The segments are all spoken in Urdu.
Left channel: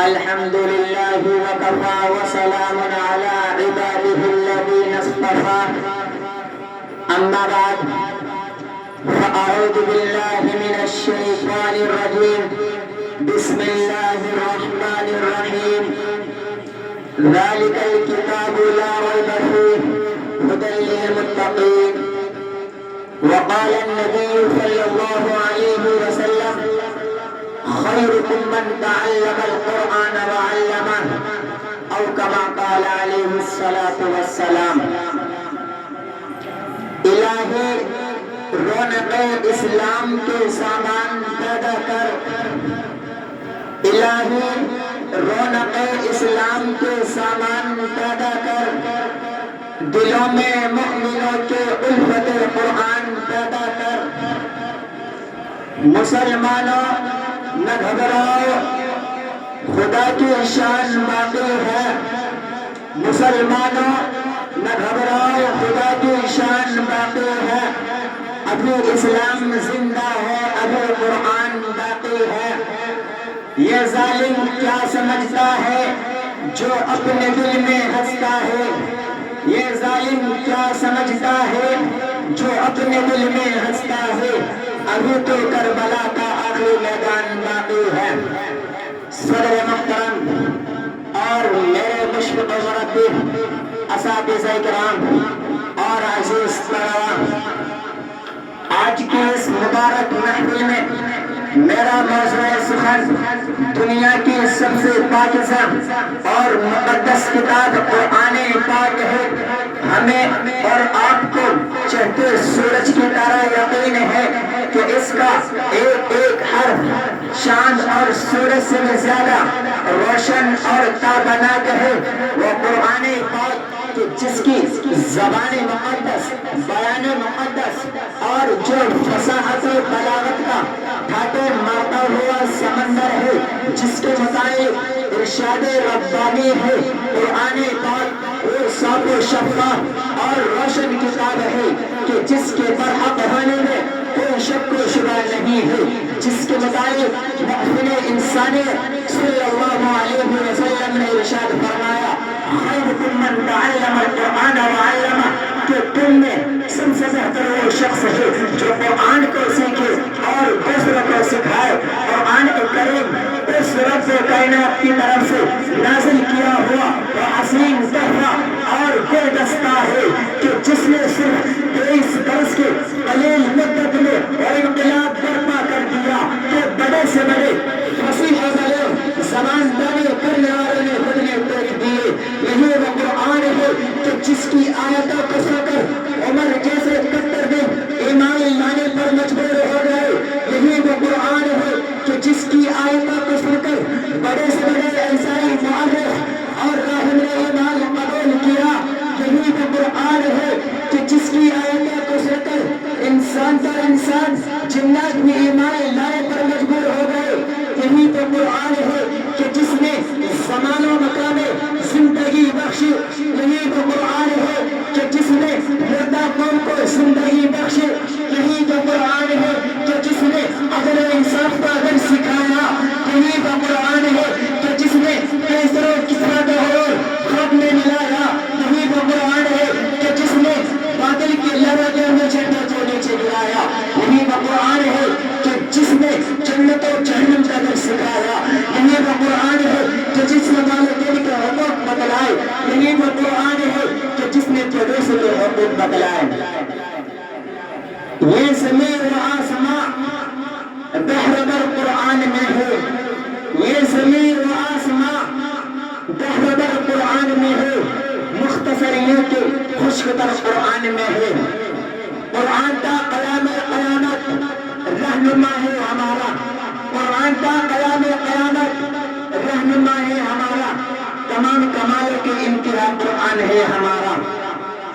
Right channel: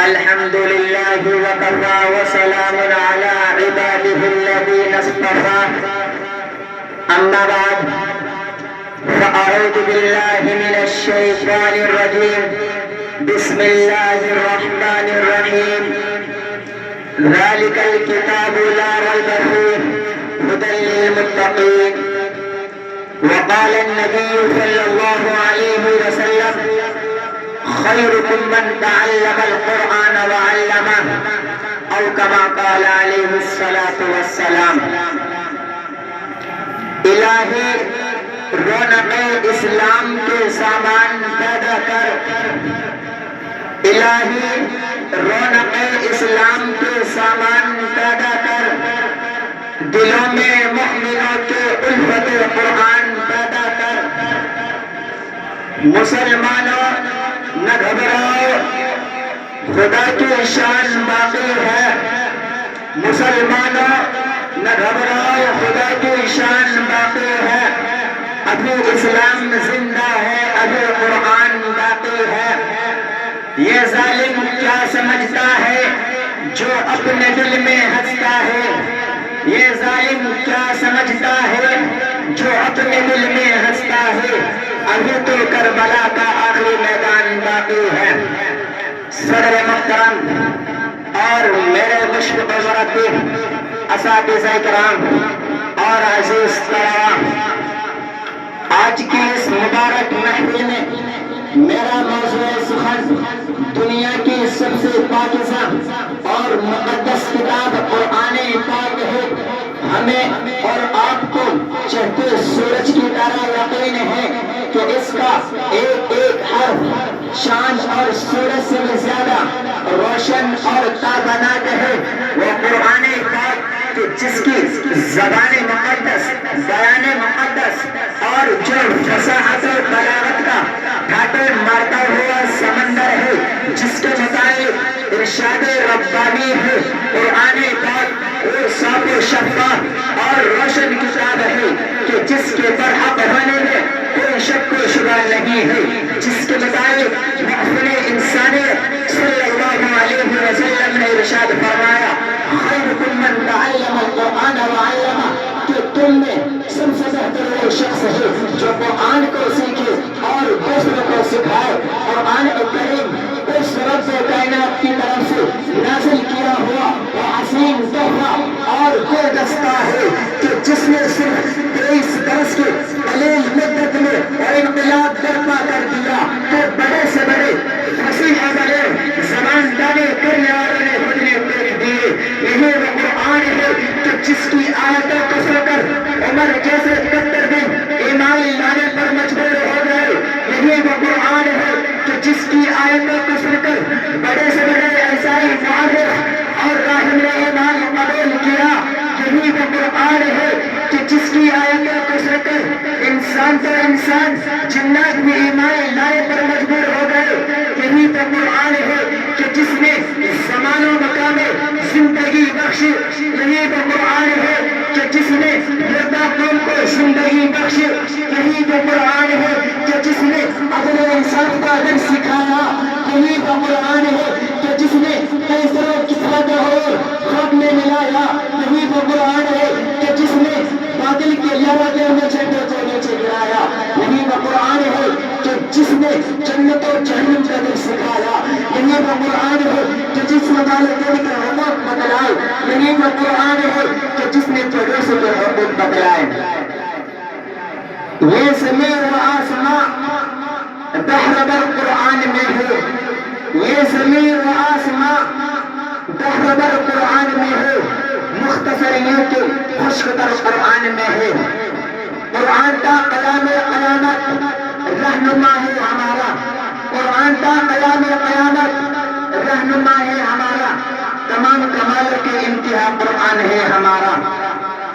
الحمد لله وكفى وسلام على عباده الذين اصطفى أما بعد فأعوذ بالله من الشيطان الرجيم بسم الله الرحمن الرحيم ذلك الكتاب لا ريب فيه هدى للمتقين وقال النبي صلى الله عليه وسلم خيركم من تعلم القرآن وعلمه أو كما قال عليه الصلاة والسلام الہی رونق اسلام کے سامان پیدا کر الہی رونق اسلام کے سامان پیدا کر دلوں میں مؤمنوں کے الفت قرآن پیدا کر مسلمانوں نہ گھبراؤ خدا کی شان باقی ہے مسلمانوں نہ گھبراؤ خدا کی شان باقی ہے ابھی اسلام زندہ ہے ابھی قرآن باقی ہے یہ ظالم کیا سمجھتا ہے جو اپنے دل میں ہنستا ہے یہ ظالم کیا سمجھتا ہے جو اپنے دل میں ہنستا ہے ابھی تو کربلا کا آخری میدان باقی ہے صدر محترم اور میرے مشفق و مربی اساتذہ کرام اور عزیز طلباء آج کی اس مبارک محفل میں میرا موضوع سخن دنیا کی سب سے پاکیزہ اور مقدس کتاب قرآن پاک ہے ہمیں اور آپ کو چہتے سورج کی طرح یقین ہے کہ اس کا ایک ایک حرف شان اور سورج سے زیادہ روشن اور تابناک ہے وہ قرآن پاک کہ جس کی زبان مقدس بیان مقدس اور جو فصاحت بلاغت کا ڈھاٹر مارتا ہوا سمندر ہے جس کے مطابق ارشاد ربانی ہے قرآن پاک وہ صاف و شفاف اور روشن کتاب ہے کہ جس کے برحق ہونے میں کوئی شک و شبہ نہیں ہے جس کے مطابق محفل انسانی صلی اللہ علیہ وسلم نے ارشاد فرمایا خیرکم من تعلم القرآن وعلمہ کہ تم میں سب سے بہتر وہ شخص ہے جو قرآن کو سیکھے اور دوسروں کو سکھائے قرآن کریم اس رب کائنات کی طرف سے نازل کیا ہوا وہ عظیم تحفہ اور گلدستہ ہے کہ جس نے صرف 23 برس کے قلیل مدت میں انقلاب برپا کر دیا تو بڑے سے بڑے فصیح بڑے زبان دانی کرنے والوں نے خود نے دیکھ دیے یہی وہ قرآن ہے کہ جس کی آیتوں کو سن کر عمر جیسے 70 دن ایمان لانے پر مجبور ہو گئے یہی وہ قرآن ہے کہ جس کی آیتوں کو سن کر بڑے سے بڑے عیسائی معرخ اور راہب نے ایمان قبول کیا یہی وہ قرآن ہے کہ جس کی آیتوں کو سن کر انسان تو انسان جنات بھی ایمان لانے پر مجبور ہو گئے یہی وہ قرآن ہے کہ جس نے زمان و مکان میں زندگی بخشی یہی وہ قرآن ہے کہ جس نے مردہ قوم کو زندگی بخشی یہی وہ قرآن ہے کہ جس نے عدل انصاف کا ادب سکھایا یہی وہ قرآن ہے کہ جس نے کیسر و کسرا کا اور خواب میں ملایا یہی وہ قرآن ہے کہ جس نے بادل کے لہروں میں جھنڈے کو نیچے گرایا یہی وہ قرآن ہے کہ جس نے جنت و جہنم کا درس سکھایا یہی وہ قرآن ہے کہ جس نے والدین کے حقوق بتلائے یہی وہ قرآن ہے کہ جس نے پڑوسی کے حقوق بتلائے یہ زمین و آسمان بحر در قرآن میں ہے یہ زمین و آسمان بحر در قرآن میں ہے مختصر یوں کہ خشک در قرآن میں ہے قرآن تا قیام قیامت رہنما ہے ہمارا قرآن تا قیام قیامت رہنما ہے ہمارا تمام کمالوں کی انتہا قرآن ہے ہمارا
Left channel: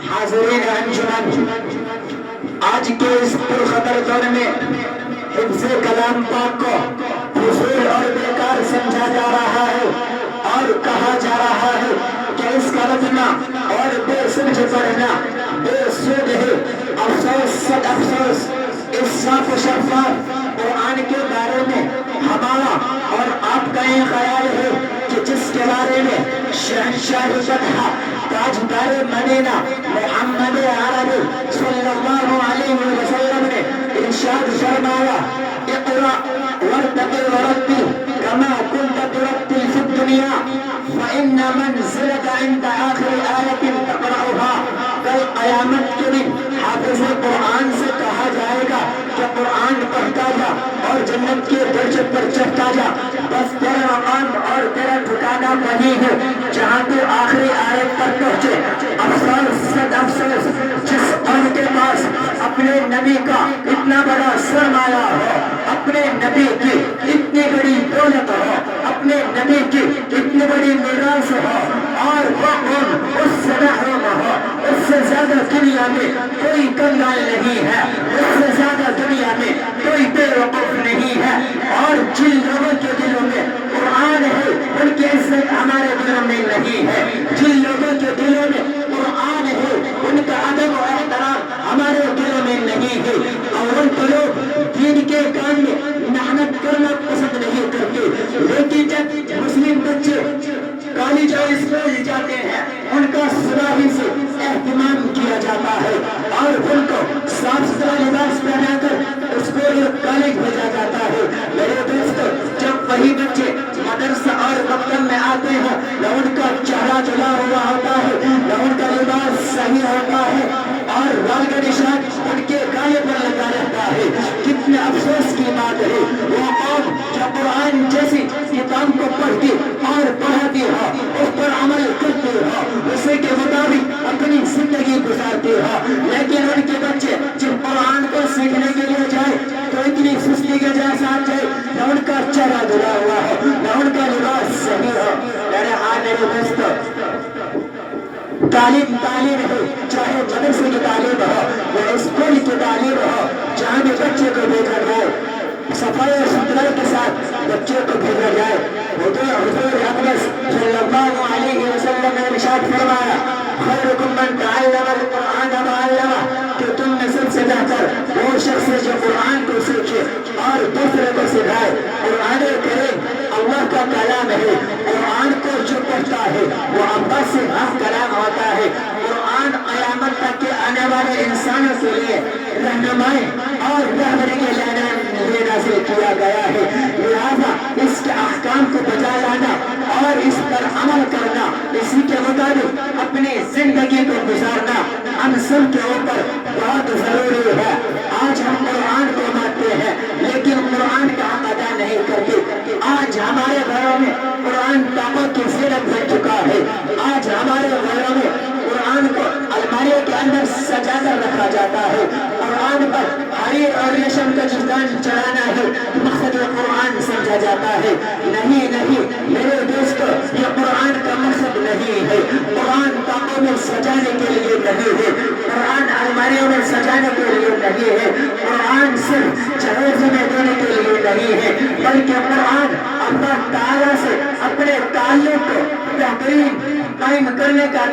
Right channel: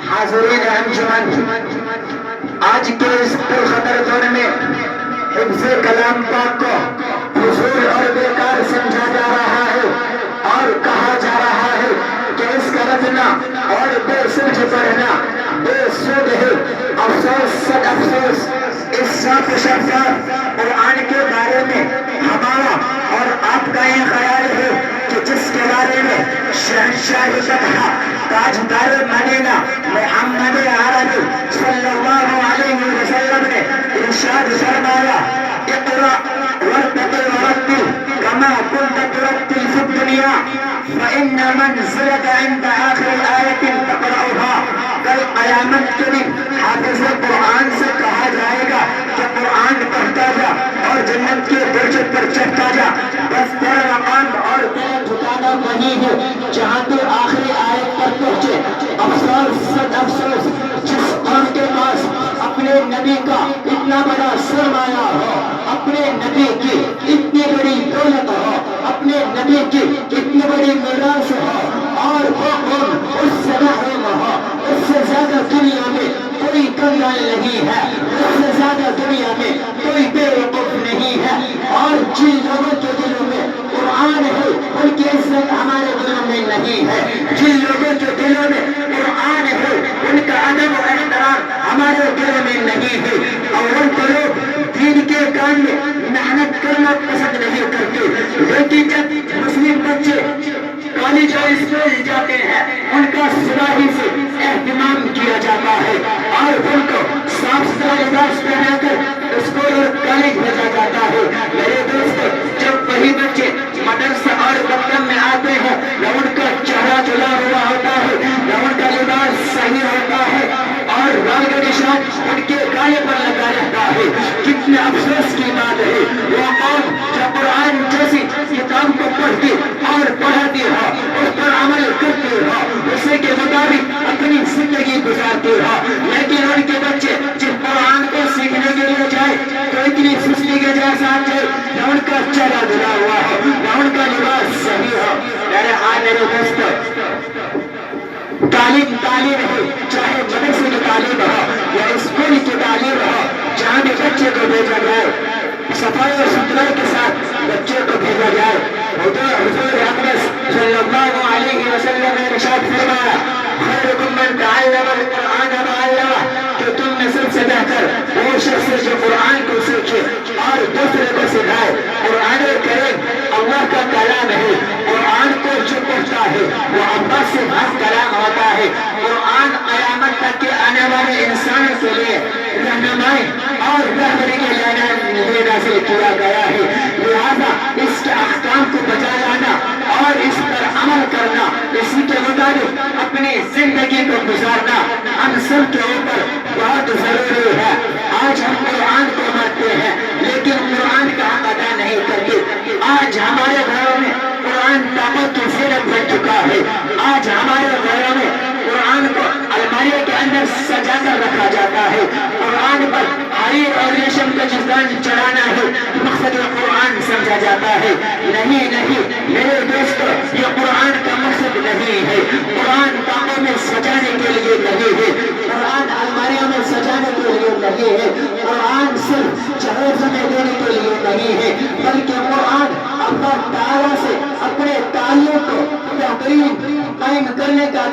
حاضرین انجمن آج کے اس پرخطر دور میں حفظ کلام پاک کو فضول اور بیکار سمجھا جا رہا ہے اور کہا جا رہا ہے کہ اس کا رٹنا اور بے سمجھ پڑھنا بے سود ہے افسوس صد افسوس اس صاف شفاف نبینا محمد عربی صلی اللہ علیہ وسلم نے ارشاد فرمایا اقرأ وارتقي ورتل كما كنت ترتل في الدنيا فإن منزلك عند آخر آية تقرأها کل قیامت کے دن حافظ قرآن سے کہا جائے گا کہ قرآن پڑھتا جا اور جنت کے درجے پر چڑھتا جا، بس تیرا مقام اور تیرا ٹھکانہ وہی ہے جہاں تو آخری آیت پر پہنچے۔ افسوس صد افسوس جس قوم کے پاس اپنے نبی کا اتنا بڑا سرمایہ ہو، اپنے نبی کی اتنی بڑی دولت ہو، اپنے نبی کی اتنی بڑی میراث ہو، اور وہ قوم اس سے محروم ہو۔ اس سے زیادہ دنیا میں کوئی کنگال نہیں ہے، اس سے زیادہ دنیا میں کوئی بے وقوف نہیں ہے، اور جن لوگوں کے دلوں میں قرآن ہے ان کی عزت ہمارے دلوں میں نہیں ہے، جن لوگوں کے دلوں میں قرآن ہے ان کا ادب و احترام ہمارے دلوں میں نہیں ہے، اور ان کے لوگ دین کے کام میں محنت کرنا پسند نہیں کرتے، لیکن جب مسلم بچے کالج اور اسکول جاتے ہیں ان کا صبح ہی سے اہتمام کیا جاتا ہے اور ان کو صاف ستھرا لباس پہنا کر اسکول اور کالج بھیجا جاتا ہے۔ میرے دوستو، جب وہی بچے مدرسہ اور دفتر میں آتے ہیں نہ ان کا چہرہ جلا ہوا ہوتا ہے نہ ان کا لباس صحیح ہوتا ہے اور رنگ کا نشان ان کے گالے پر لگا رہتا ہے۔ کتنے افسوس کی بات ہے، وہ قوم جو قرآن جیسی کتاب کو پڑھتی اور پڑھاتی ہو، اس پر عمل کرتی ہو، اسی کے مطابق اپنی زندگی گزارتی ہو، لیکن ان کے بچے جب قرآن کو سیکھنے کے لیے جائے تو اتنی سستی کے جیسا جائے، نہ ان کا چہرہ دھلا ہوا ہو نہ ان کا لباس صحیح ہو۔ میرے دوستو، تعلیم ہو، چاہے مدرسے کی تعلیم ہو یا اسکول کی تعلیم ہو، جہاں بھی بچے کو بھیجا جائے صفائی اور ستھرائی کے ساتھ بچے کو بھیجا جائے۔ حضور اقدس صلی اللہ علیہ وسلم نے ارشاد فرمایا خیرکم من تعلم القرآن وعلمہ، کہ تم میں سب سے بہتر وہ شخص ہے جو قرآن کو سیکھے اور دوسرے کو سکھائے۔ قرآن کریم اللہ کا کلام ہے، قرآن کو جو پڑھتا ہے وہ اللہ سے ہم کلام ہوتا ہے۔ قرآن قیامت تک کے آنے والے انسانوں کے لیے رہنمائی اور رہبری کے لیے نازل کیا گیا ہے، لہذا اس کے احکام کو بجا لانا اور اس پر عمل کرنا، اسی کے مطابق اپنی زندگی کو گزارنا ہم سب کے اوپر بہت ضروری ہے۔ آج ہم قرآن کو مانتے ہیں لیکن قرآن کا حق ادا نہیں کرتے۔ آج ہمارے گھروں میں قرآن طاقت کی زینت بن چکا ہے، آج ہمارے گھروں میں قرآن کو الماری کے اندر سجا کر رکھا جاتا ہے، قرآن پر حریر اور ریشم کا چندان چڑھانا ہے مقصد قرآن سمجھا جاتا ہے۔ نہیں میرے دوستو، یہ قرآن کا مقصد نہیں ہے، قرآن طاقوں میں سجانے کے لیے نہیں ہے، قرآن الماریوں میں سجانے کے لیے نہیں ہے، قرآن صرف جہیز میں دینے کے لیے نہیں ہے، بلکہ قرآن اللہ تعالیٰ سے اپنے تعلق کو بہترین قائم کرنے کا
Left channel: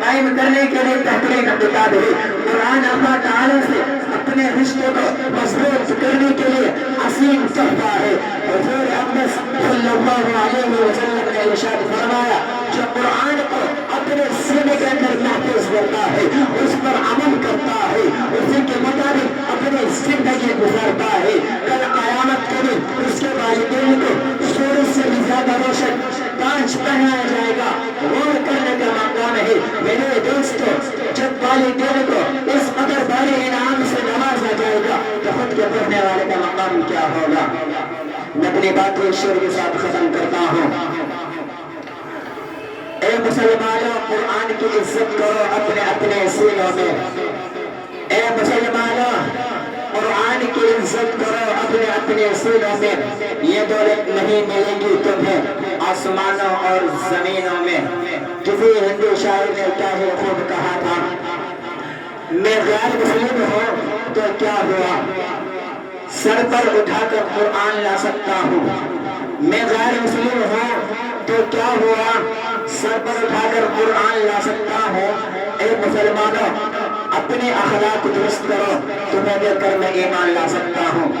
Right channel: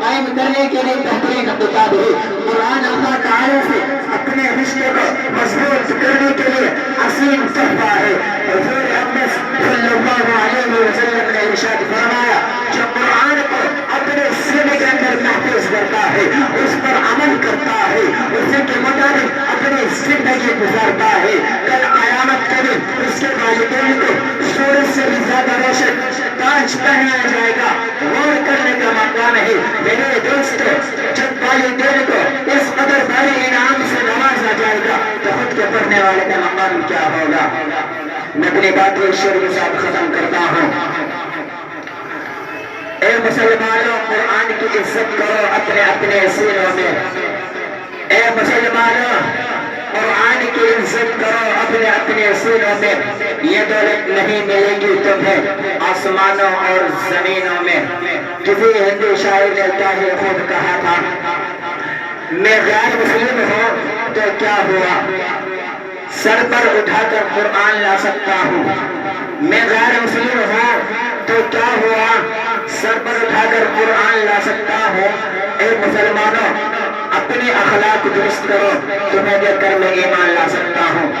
قائم کرنے کے لیے بہترین کتاب ہے۔ قرآن اللہ تعالیٰ سے اپنے رشتے کو مضبوط کرنے کے لیے حسین تحفہ ہے۔ حضور اقدس صلی اللہ علیہ وسلم نے ارشاد فرمایا جو قرآن کو اپنے سینے کے اندر محفوظ کرتا ہے، اس پر عمل کرتا ہے، اسی کے مطابق اپنی زندگی گزارتا ہے، کل قیامت کے دن اس کے والدین کو سورج سے بھی زیادہ روشن تاج پہنایا جائے گا، غور کرنے کا مقام ہے۔ میرے دوستو، جب والدین کو اس قدر بھاری انعام سے نوازا جائے گا تو خود کے پڑھنے والے کا مقام کیا ہوگا؟ میں اپنی بات ایک شعر کے ساتھ ختم کرتا ہوں۔ اے مسلمانوں، قرآن کی عزت کرو اپنے سینوں میں۔ اے مسلمانوں، قرآن کی عزت کرو اپنے سینوں میں۔ یہ دولت نہیں ملے گی تمہیں آسمانوں اور زمینوں میں۔ کسی ہندی شاعر نے چاہے خود کہا تھا میں غیر مسلم ہوں تو کیا ہوا، سر پر اٹھا کر قرآن لا سکتا ہوں۔ میں غیر مسلم ہوں تو کیا ہوا، سر پر اٹھا کر قرآن لا سکتا ہوں۔ اے مسلمانوں، اپنے اخلاق درست کرو، تمہیں دیکھ کر میں ایمان لا سکتا ہوں۔